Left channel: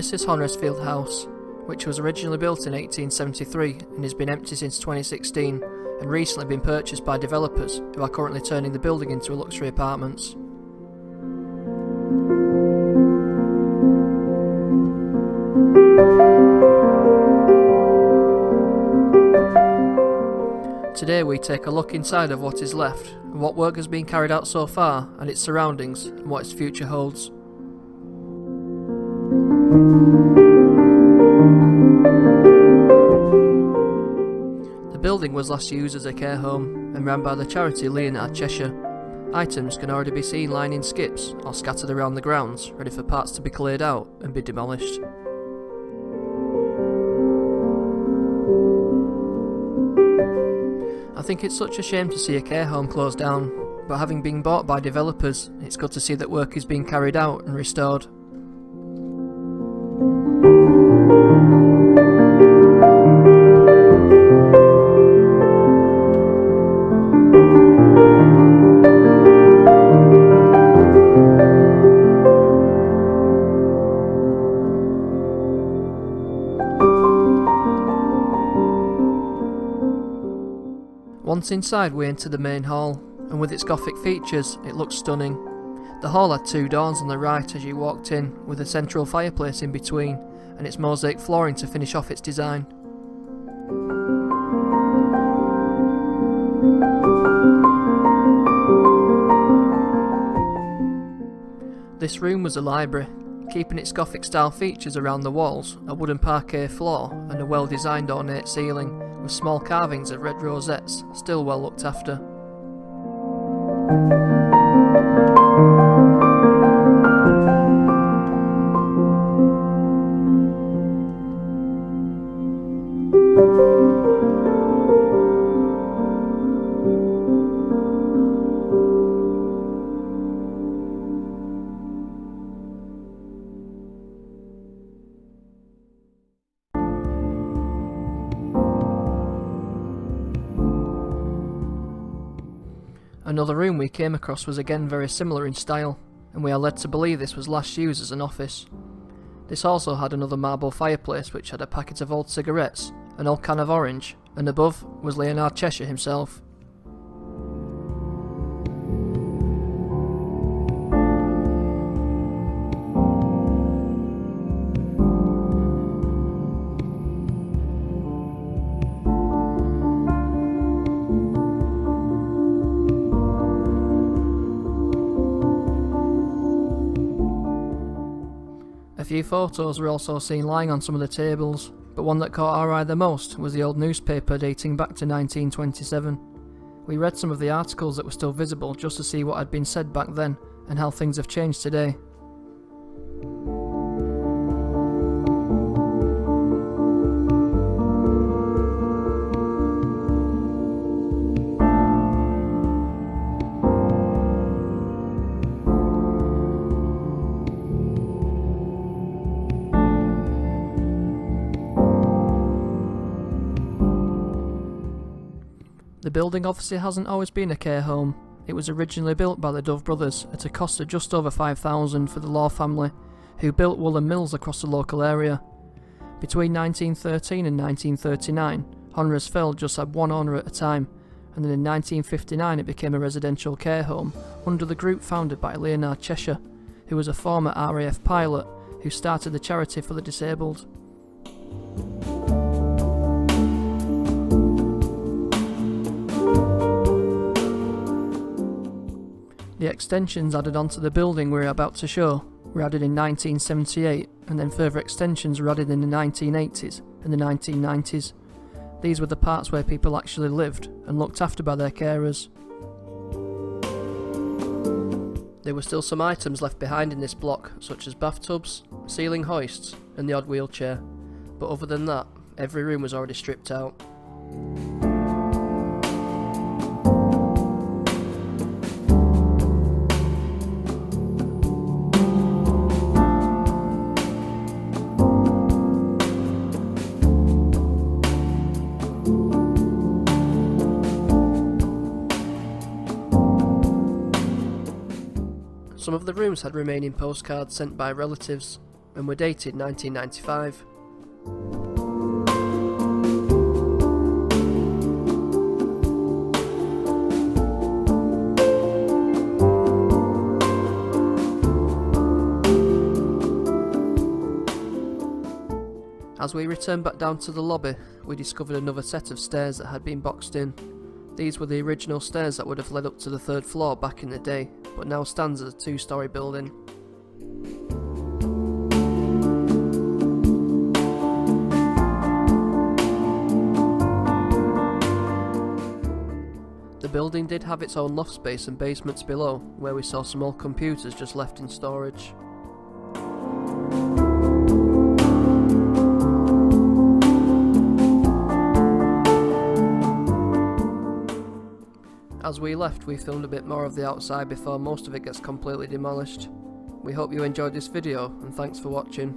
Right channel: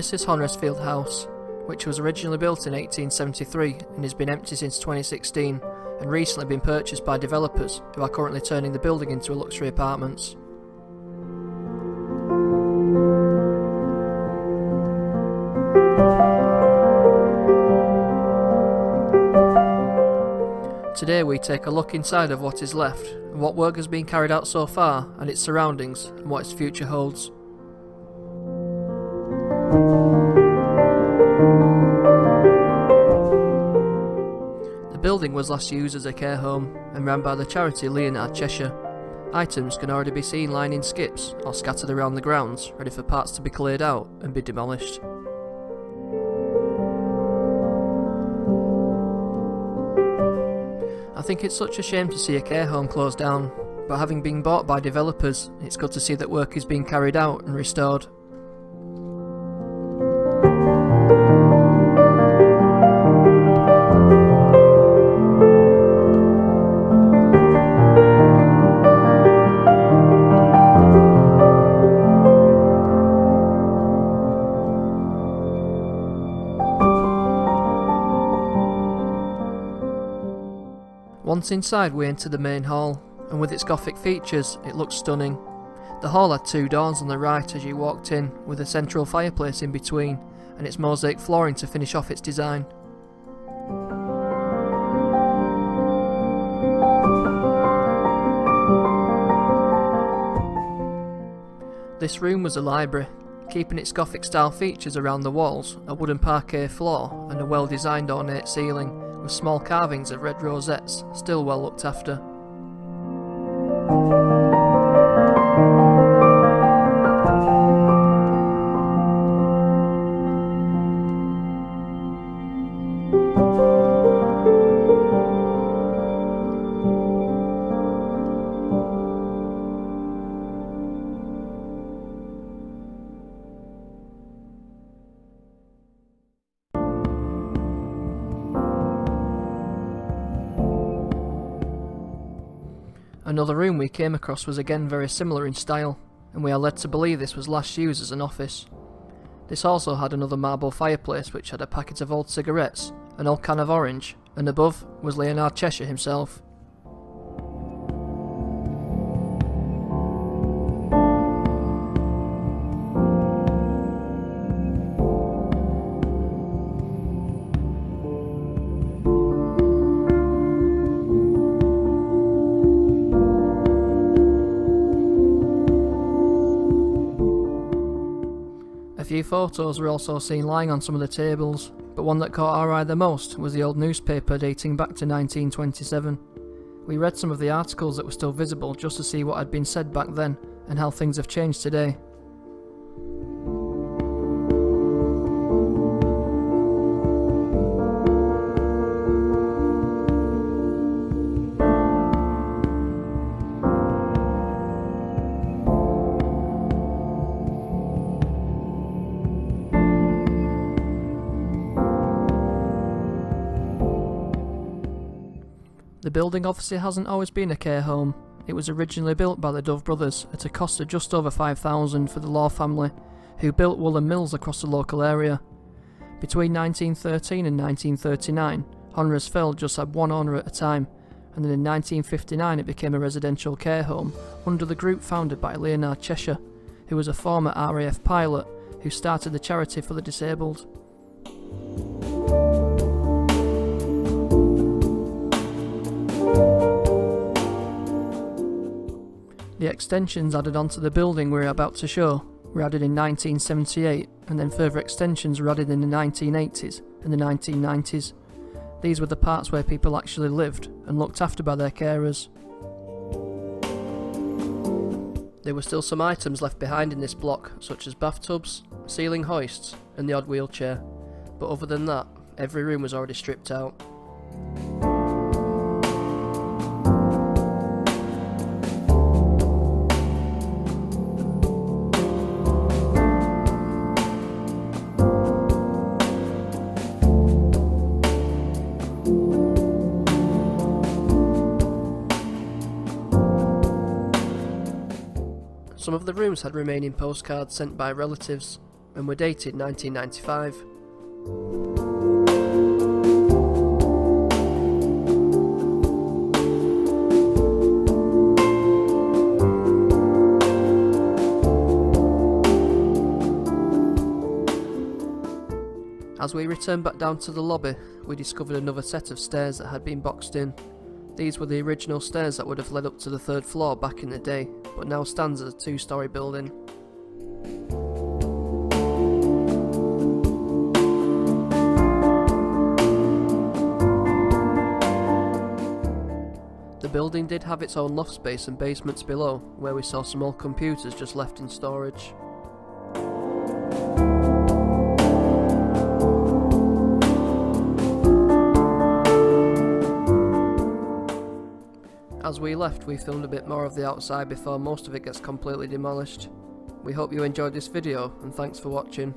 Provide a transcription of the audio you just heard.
This is Honresfield House, which was originally built in 1873 and has been empty since 2016 and recently been purchased by developers who are currently turning the building into luxury apartments. Today we take a look inside of what is left, and what work has been carried out so far, and its surroundings, and what its future holds. The building was last used as a care home, and ran by the charity Leonard Cheshire. Items can already be seen lining skips, or scattered around the grounds, ready for parts to be cleared out and be demolished. I think it's such a shame to see a care home close down, but having been bought by developers, it's good to see that work is being carried out and restored. Once inside we enter the main hall, and with its Gothic features it looks stunning. The hall had two doors on the right as you walked in, with a central fireplace in between, and its mosaic flooring to finish off its design. This room was a library, keeping its Gothic style features around the walls, a wooden parquet floor and a well designed ornate ceiling, with small carvings of red rosettes, still well looked after. Another room we came across was again very similar in style, and we are led to believe this was last used as an office. This also had another marble fireplace which had a packet of old cigarettes, an old can of orange, and above was Leonard Cheshire himself. A few photos were also seen lying on some of the tables, but one that caught our eye the most was the old newspaper dating back to 1927. We read some of the articles that were still visible just to see what had been said back then and how things have changed today. The building obviously hasn't always been a care home. It was originally built by the Dove brothers at a cost of just over $5,000 for the Law family, who built woolen mills across the local area. Between 1913 and 1939, Honresfield just had one owner at a time, and then in 1959 it became a residential care home under the group founded by Leonard Cheshire, who was a former RAF pilot who started the charity for the disabled. The extensions added onto the building we're about to show were added in 1978, and then further extensions were added in the 1980s and the 1990s. These were the parts where people actually lived and looked after by their carers. There were still some items left behind in this block, such as bathtubs, ceiling hoists and the odd wheelchair, but other than that, every room was already stripped out. Some of the rooms had remaining postcards sent by relatives, and were dated 1995. As we returned back down to the lobby, we discovered another set of stairs that had been boxed in. These were the original stairs that would have led up to the 3rd floor back in the day, but now stands as a 2-storey building. The building did have its own loft space and basements below, where we saw some old computers just left in storage. As we left, we filmed a bit more of the outside before most of it gets completely demolished. We hope you enjoyed this video, and thanks for watching.